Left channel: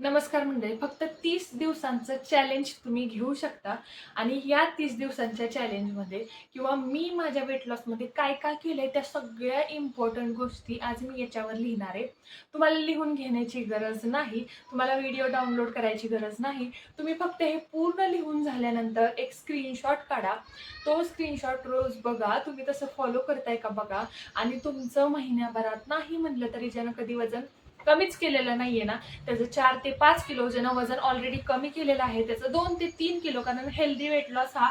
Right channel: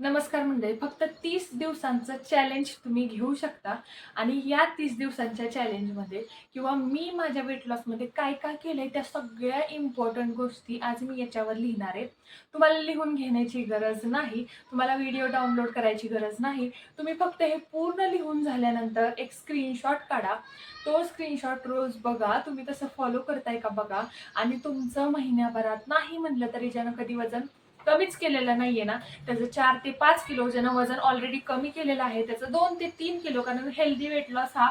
नमस्कार मंडळी. फक्त 30 दिवसांचं चॅलेंज तुम्ही घेऊ शकता आणि या 30 दिवसांच्या चॅलेंजमध्ये किंवा मी माझ्या वेट लॉसमध्ये काय काय केलंय त्या सगळ्या इम्पॉर्टंट गोष्टी आज मी याच्यावर लिहिणार आहे. तुम्हाला लिहून घेण्याची गरज नाही, तुम्हाला व्हिडिओ डाउनलोड करायची गरज नाही. तुम्ही फक्त हे पूर्ण लिहून झाल्यानंतर एक स्क्रीनशॉट काढा. तो स्क्रीनशॉट रोज बघा, तुम्ही तसं फॉलो करताय का बघा. आणि तुमचं महिन्याभरात नाही म्हटलं तरी ज्यानं कधी वजन कमीच केलेलं नाहीये ना, त्याचं 4 ते 5 किलो, ज्यानं वजन ऑलरेडी कमी केलेलं आहे त्याचं 2 ते 3 किलो, कारण हेल्दी वेट लॉस हा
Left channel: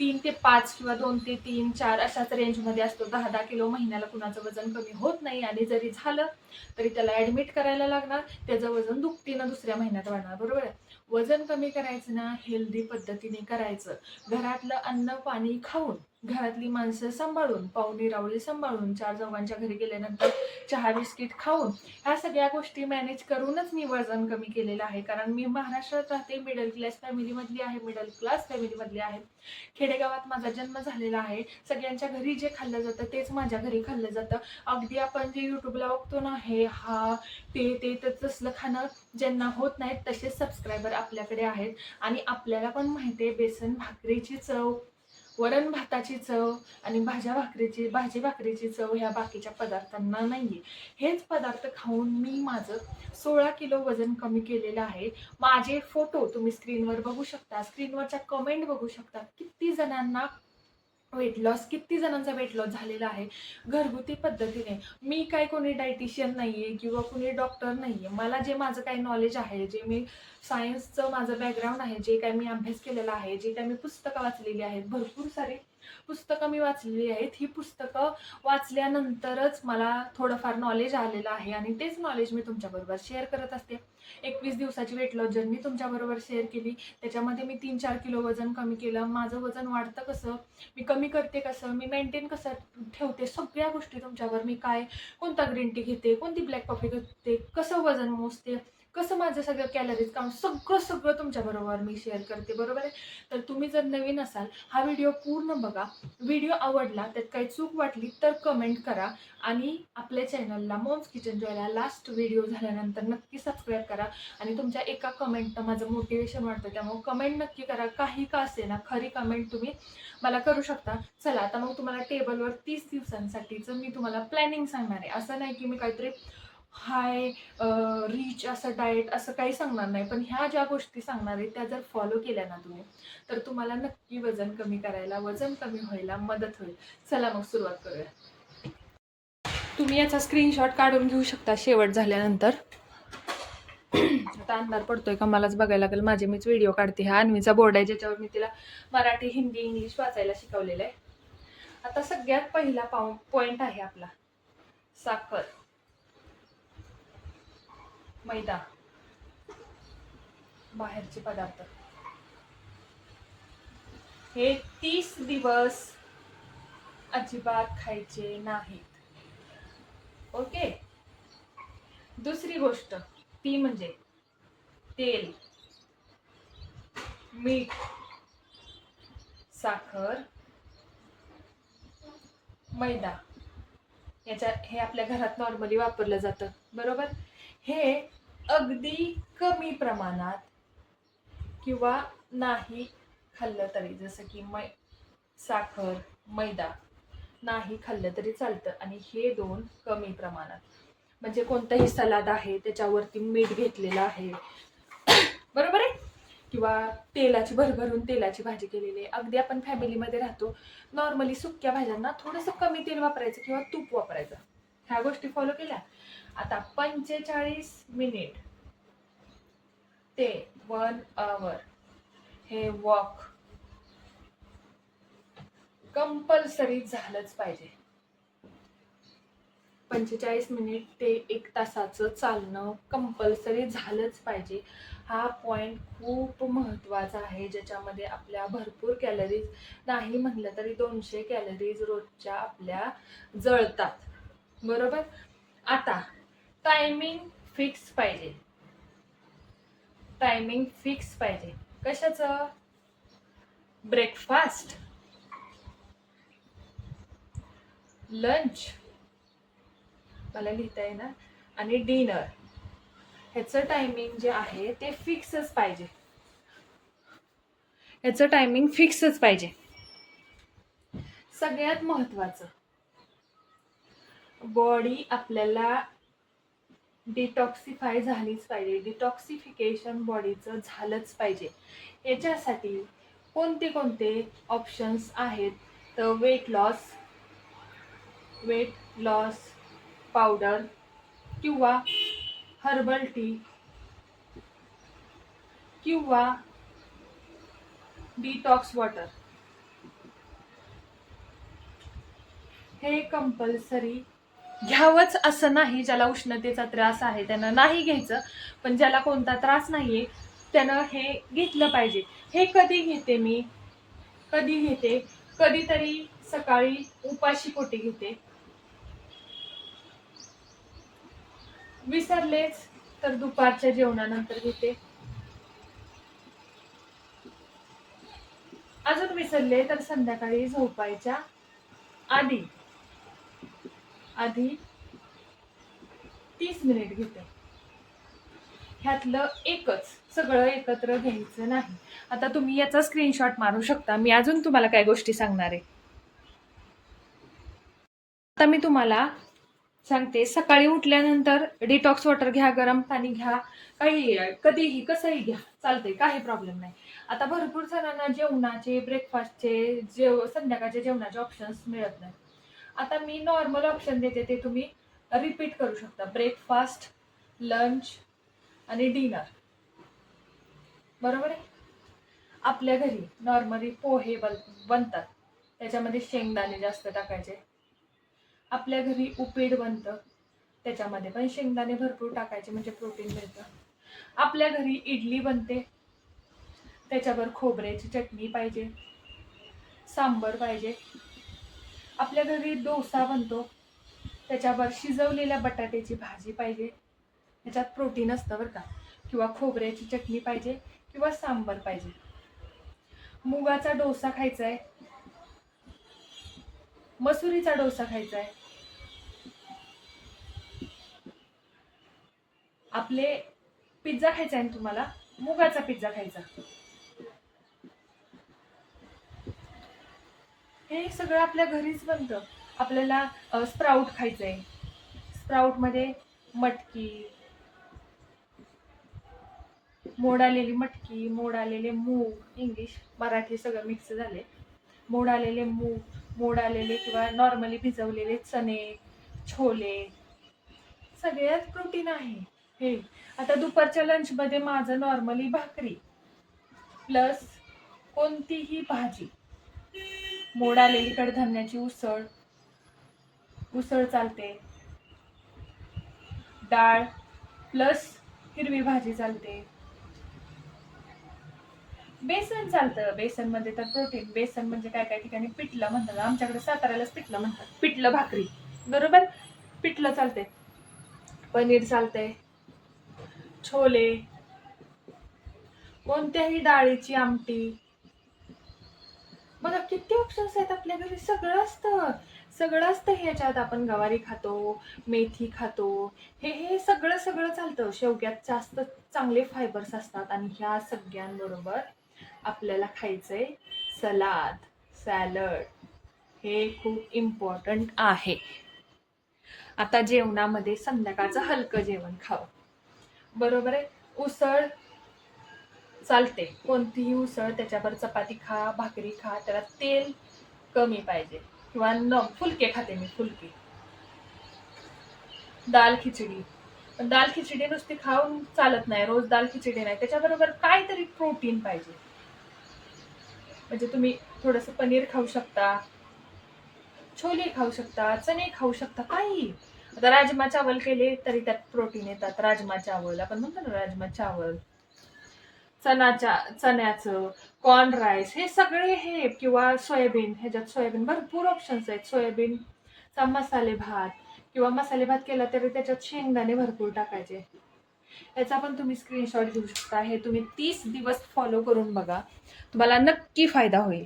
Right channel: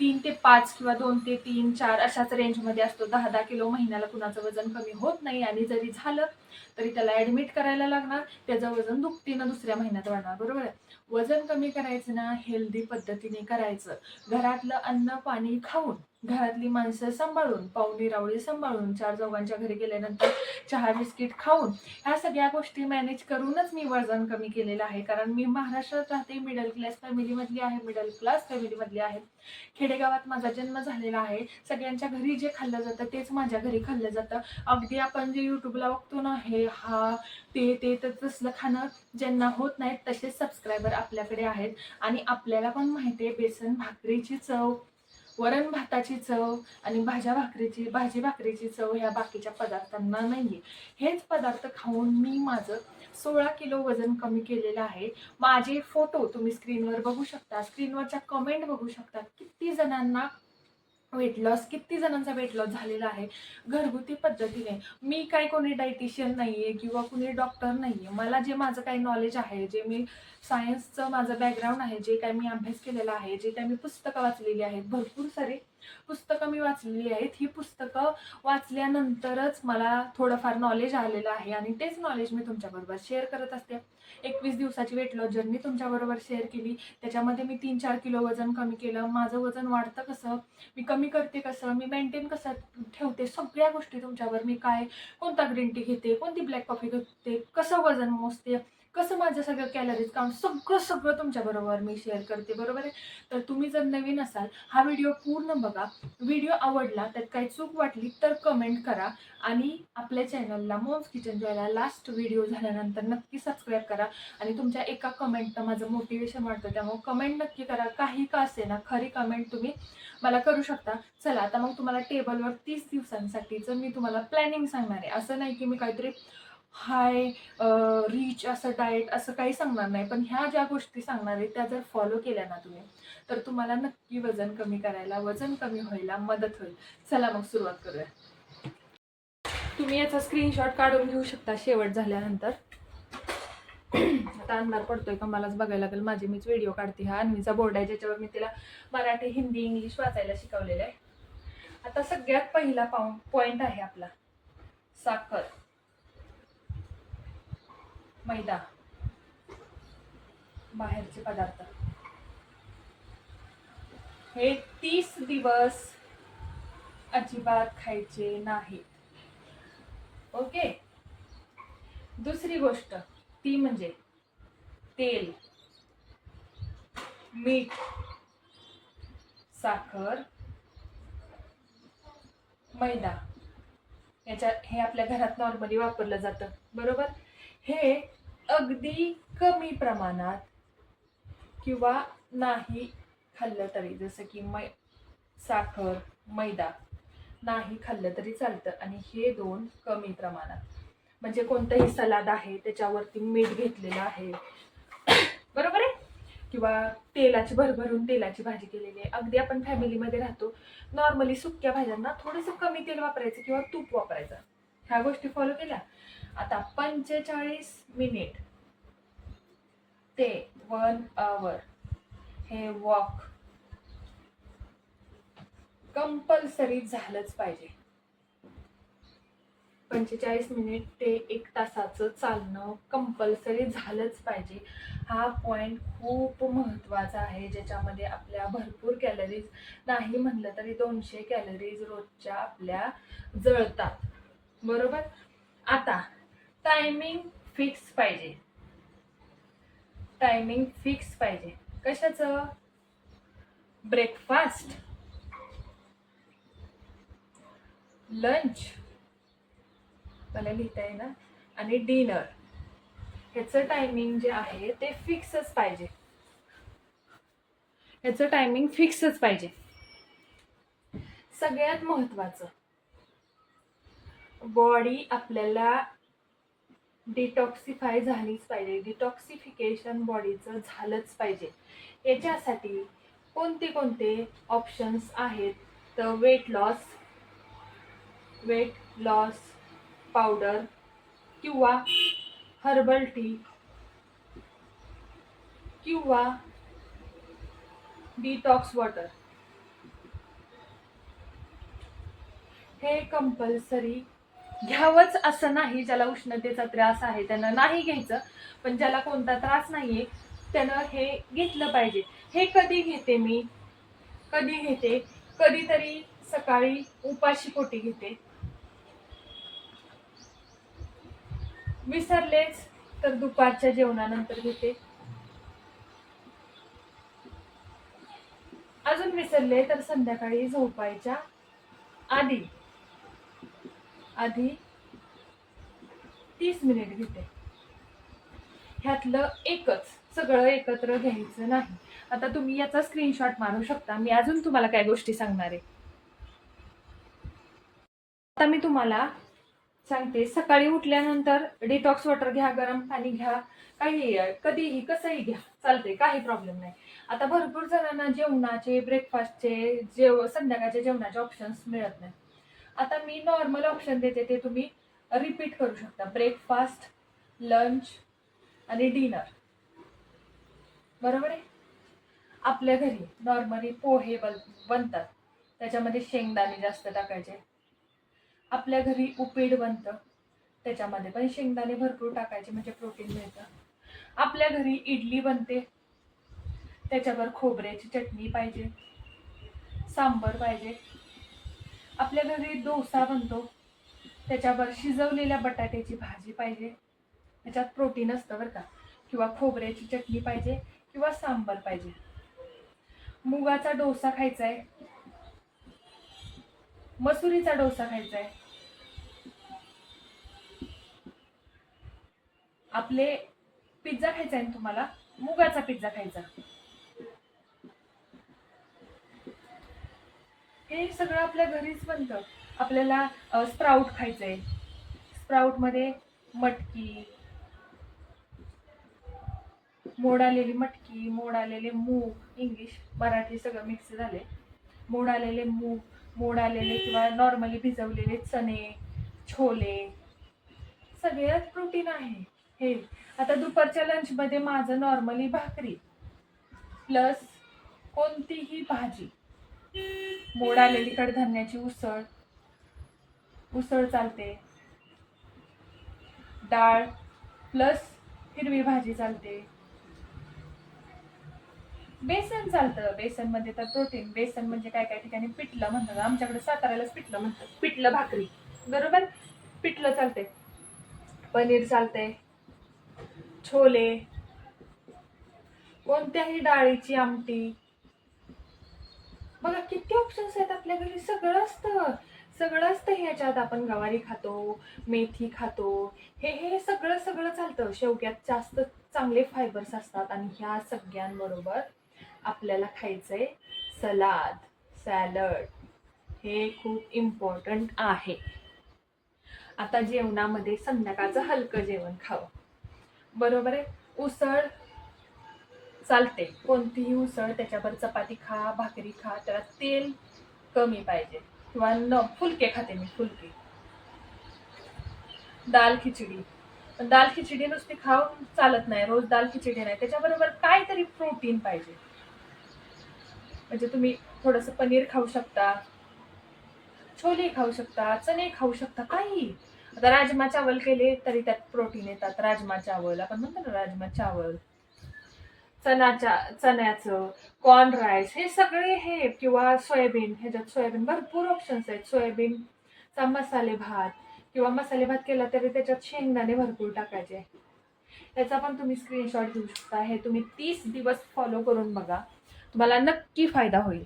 3 ते 5 किंवा 2 ते 3, 4 अशाच रेंजमध्ये असतो. 10-10 किलो महिन्याला कुणाचं वजन कमी होत नाही आणि जरी झालं तरी त्याला ॲडमिट करायला लागणार. त्याचं वजन दुपटीनं दुसऱ्या महिन्यात वाढणार. बरोबर आहे. वजन कमी करायचं ना हेल्दी पद्धतीने करायचं. घरातलं अन्न पाणी खाऊन, घरातली माणसं सांभाळून, पाहुणी रावळी सांभाळून, 4 चौघांच्या घरी गेल्यानंतर चहा बिस्किट खाऊन, ह्या सगळ्या गोष्टी मॅनेज करूनच मी वजन कमी केलेलं आहे. कारण मी महाराष्ट्रात राहते, मिडल क्लास फॅमिलीमधली आहे. खेडेगावात माझा जन्म झालेला आहे. सगळ्यांच्या घरी जे खाल्लं जातं तेच माझ्या घरी खाल्लं जातं. अगदी आपण जे युट्यूबला बघतो ना, हे हा ते तर तसलं खाणं ज्यांना होत नाही तसेच सबस्क्रायबर आपल्याकडे आहेत. आणि आपल्याला पण माहिती आहे बेसन भाकरीची चव, वरण भाताची चव आणि भाजी भाकरीची चव ह्या बाकीच्या पदार्थांना नाहीये. हेच पदार्थ खाऊन मी माझं 16 किलो वजन कमी केलेलं आहे. माझे फोटो तुम्ही स्क्रीनवर बघू शकता, स्क्रीनवरच्या कमेंट बघू शकता. किती जणांचा वेट लॉस झालेला आहे घरगुती पद्धतीने. मी काय कोणी डायटिशियन नाहीये किंवा कोणी डॉक्टर नाहीये. मला जे माझं काही नॉलेज आहे, जे मी सायन्सचं माझं बॅकग्राऊंड आहे, जे काही मी अभ्यास केलेला आहे, जे काही मी पुस्तकं वाचलेली आहेत, भरपूर सारी पुस्तकं मी वाचलेली आहेत. ही पुस्तकं वाचल्यानंतरच मला थोडंफार नॉलेज आलेलं आहे आणि तेच नॉलेज मी तुमच्याबरोबर शेअर करत असते. 21 दिवसाची वेट लॉस जर्नी तुमच्याबरोबर शेअर केली. त्याच्यामध्ये मी 3-4 किलो वजन कमी केलं. माझं वजन वाढतं कसं, मी कमी करते कसं, मी मेंटेन कसं ठेवते, सगळ्या गोष्टी तुमच्यावर. मी कोणता ग्रीन टी घेते, कोणती ब्लॅक कॉफी घेते, कसं वजन मोजते, कसं माझं सगळं कॅलरीज काउंट, सगळं तुमच्याबरोबर मी शेअर करते. बरोबर आहे. तर तुम्ही जर नवीन असाल, हा व्हिडिओ पूर्ण बघा. व्हिडिओ आवडला, त्यात काही चूक वाटली तर कमेंट करा आणि आपल्या चॅनलला मॉम्स किचन जॉयला लास्ट व्हिडिओ झाल्यानंतर नक्की सबस्क्राईब करा. आणि तुमच्या एका कमेंटनं माझं मोटिवेशन वाटतं, त्यामुळे कमेंट नक्की करा. काही का असे ना, खरी कमेंट तुम्ही मला करू शकता. चला आता मग तुम्हाला टेबलवर 30 दिवसांसाठीचं मी तुम्हाला प्लॅनिंग सांगणार आहे. असं नाही की मी काहीतरी हाय रिच असं डाएट असं काही सांगणार नाही, पण ह्या ज्या गोष्टी सांगणार आहे त्या जर फॉलो केल्या ना तुम्ही, तर तुम्हाला नक्की वजन कमी करायला, वजन कमी व्हायला मदत होईल. चला मग सुरुवात करूया. तुम्ही याचा स्क्रीनशॉट काढून घेऊ शकता शेवट झाल्यानंतर. आता अंधार पडतोय का मलाच बघायला लागेल. मीच व्हिडिओ काढते. हा अन्वीचा बोर्ड आहे ज्याच्यावर मी तिला मराठी, हिंदी, इंग्लिश वाचायला शिकवलेलं आहे. आता सगळ्यात पहिला पॉइंट आहे आपला साखर, मैदा, बाहेरचे पदार्थ. हे 30 दिवस अजिबात खायचे नाहीत. ओके. दुसरी गोष्ट ती म्हणजे तेल, मीठ, साखर, मैदा. हे आपल्या घरात नॉर्मली वापरलं जातं. बरोबर. हे अगदी कमी प्रमाणात किंवा नाही खाल्लं तरी, जसं की साखर, मैदा नाही खाल्लं तरी चालतं. आणि हे दोन कमी प्रमाणात, म्हणजे कोणतंही सलाद आहे त्याच्यावरती मीठ घेतलेलं आहे, बरोबर आहे, किंवा भरभरून तेलाची भाजी केलेली आहे. अगदी आपण फॅमिलीमध्ये राहतो, नॉर्मली सुक्या भाज्यांना थोडंसं कमी तेल वापरायचं किंवा तूप वापरायचं. ह्या गोष्टी फॉलो केल्या. आता 45 मिनिट ते 1 आवर हे वॉक कंपल्सरी झालंच पाहिजे. 45 मिनिट ते 1 तासाचं चालणं कंपल्सरी झालंच पाहिजे. हा पॉइंट खूप महत्वाचा आहे, ज्याच्यामध्ये आपल्या भरपूर कॅलरीज, नाही म्हणलं तरी 200 कॅलरीज रोजच्या आपल्या जळतात. बरोबर. आता टायमिंग फिक्स पाहिजे. कशाचं? ब्रेकफास्ट, लंच, मला लिहिता आहे ना, आणि डिनर. ह्याचं टायमिंग जे आहे ते फिक्सच पाहिजे. ह्याचं टायमिंग फिक्सच पाहिजे. सगळ्यात महत्वाचं, बॉडी आपल्याला डिटॉक्सिफाय झालीच पाहिजे. डिटॉक्सिफिकेशन बॉडीचं झालंच पाहिजे. याच्यासाठी कोणते कोणते ऑप्शन्स आहेत तर वेट लॉस पावडर किंवा हर्बल टी किंवा डिटॉक्स वॉटर हे कंपल्सरी घ्यावंच असं नाही. ज्याला उष्णतेचा त्रास आहे त्यानं नाही घ्यायचं, पण ज्याला कोणता त्रास नाहीये त्यानं हे घेतलं पाहिजे. हे कधी घेते, कधीतरी सकाळी उपाशी पोटी घेते, विसरलेच तर दुपारच्या जेवणानंतर घेते, अजून विसरले तर संध्याकाळी झोपायच्या आधी 30 मिनिट घेते. ह्यातलं एकच, सगळं एकत्र घ्यायचं नाही. आता तुम्ही याचा स्क्रीनशॉट मारू शकता. मी अजून तुम्हाला काय गोष्टी सांगणार आहे. आता मी तुम्हाला सांगते, सकाळी उठल्यानंतर डिटॉक्स वॉटर घ्या, गरम पाणी घ्या, काही कधीही कसंही घ्या, चालते, काही प्रॉब्लेम नाही. आता भरपूर जणांना जेवणाचे, ब्रेकफास्टचे, संध्याकाळच्या जेवणाचे ऑप्शन्स मिळत नाही. आता मी नॉर्मल ऑप्शन देते, ते तुम्ही रिपीट करू शकता. ब्रेकफास्ट, लंच आणि डिनर. बरोबर आहे. आपल्या घरी नॉर्मली पोहे बनतात, त्याच्यामध्ये शेंगदाणे जास्त टाकायचे. आपल्या घरी उपीट बनतं, त्याच्यामध्ये पण शेंगदाणे भरपूर टाकायचे, म्हणजे प्रोटीन मिळतं. आपल्या घरी इडली बनते, त्याच्यावर खोबऱ्याची चटणी पाहिजे, सांबर पाहिजे. आपल्या घरी डोसा बनतो, त्याच्यावर शिजवलेल्या बटाट्याची भाजी पाहिजे, त्याच्यात प्रोटीन असतं बरं का. किंवा खोबऱ्याची चटणी पाहिजे किंवा सांबर पाहिजे. मुगाचा डोसा खायचा आहे, मसुरीचा डोसा खायचा आहे, आपले पिझ्झा खायचा आहे तुम्हाला, मुगाचा पिझ्झा खायचा. हे सगळं आपल्या घरीच बनतं. आपल्याला स्प्राउट खायचंय, स्प्राउट मध्ये मटकी, मोड आलेली मटकी, मोड आलेले मूग, इंग्लिश मराठी सगळं मिक्स झाले, मोड आलेले मूग, मोड आलेले किंवा नॉर्मली भिजवलेले चणे, छोले, सगळ्यात प्रोटीन आहे हे. आता दुपारच्या लंच मध्ये माझं नॉर्मली भाकरी प्लस कोणतीही भाजी, मोड आलेली कडधान्याची उसळ चालते, डाळ प्लस हिरवी भाजी चालते, बेसन चालतं. बेसन मध्ये तर प्रोटीन. बेसन म्हणजे काय काय ठिकाणी पिठलं म्हणतात, आमच्याकडे साताऱ्यालाच पिठलं म्हणतात, पिठलं भाकरी. बरोबर, पिठलं चालते, पनीर चालते, छोले, कोणत्याही डाळीची आमटी. बघा किती ऑप्शन्स आहेत आपल्या घरी, सगळं असतं ह्याच्यात. आपण गवारी खातो, मेथी खातो, हे सगळं चालतं. शेवग्यात जास्त चांगले फायबर्स असतात. आणि ह्या सगळ्यांबरोबर आपल्याला खायचंय सॅलड. हे खूप इम्पॉर्टंट आहे. आता जेवणामध्ये संध्याकाळचं हलकं जेवण खावं. बरोबर आहे. उसळ चालते, कोणतीही उसळ, त्याच्यावर चपाती खा, भाकरी खा, त्याला तेल कमी पाहिजे. किंवा फुलके खाते मी, फुलके. दाल खिचडी, पण दाल खिचडी नुसती खाऊन चालत नाही, रोज दाल खिचडी नाही, त्याच्याबरोबर काहीतरी प्रोटीन पाहिजे. म्हणजे तुम्ही थोडस पनीर खाऊ शकता, छोले खाऊ शकता, चणे खाऊ शकता, काही. आता राजमा चावल केले तरी त्यात प्रोटीन येतात. राजमा चावल आपण म्हणतो ना, राजमा चावल, चण्याचं कॉर्न राईस, हे सगळे हे, किंवा सोयाबीन, ह्याच्यात सोयाबीन भरपूर ऑप्शन्स आहेत. सोयाबीनचा मसाले भात, किंवा मसाले भात केला तरी त्याच्यात शेंगदाणे भरपूर टाकायचे. याचा पण तुम्ही स्क्रीनशॉट घेऊ शकता. हे तुम्ही 30 दिवस फॉलो करून बघा, तुम्हाला नक्की फायदा होईल.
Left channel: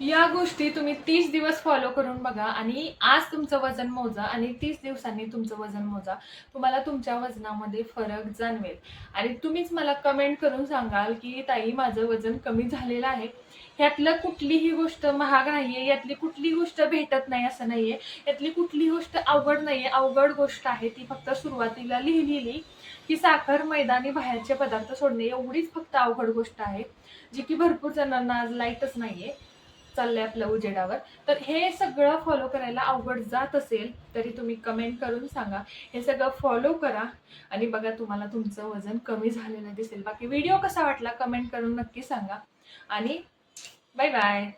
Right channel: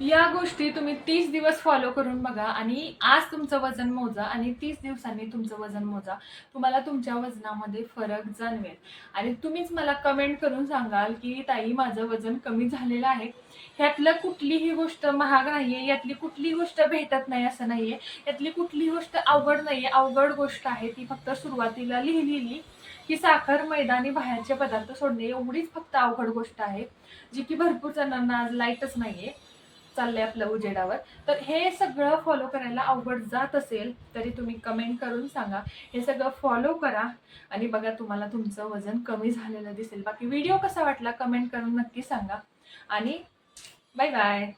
या गोष्टी तुम्ही 30 दिवस फॉलो करून बघा आणि आज तुमचं वजन मोजा आणि 30 दिवसांनी तुमचं वजन मोजा. तुम्हाला तुमच्या वजनामध्ये फरक जाणवेल आणि तुम्हीच मला कमेंट करून सांगाल की ताई माझं वजन कमी झालेलं आहे. ह्यातलं कुठलीही गोष्ट महाग नाहीये, यातली कुठलीही गोष्ट भेटत नाही असं नाहीये, यातली कुठलीही गोष्ट अवघड नाहीये. अवघड गोष्ट आहे ती फक्त सुरुवातीला लिहिलेली की साखर, मैदा आणि बाहेरचे पदार्थ सोडणे एवढीच फक्त अवघड गोष्ट आहे, जी की भरपूर जणांना आज लाईटच नाहीये चाललंय आपल्या उजेडावर. तर हे सगळं फॉलो करायला अवघड जात असेल तरी तुम्ही कमेंट करून सांगा. हे सगळं फॉलो करा आणि बघा तुम्हाला तुमचं वजन कमी झालेलं दिसेल. बाकी व्हिडिओ कसा वाटला कमेंट करून नक्की सांगा आणि बाय बाय.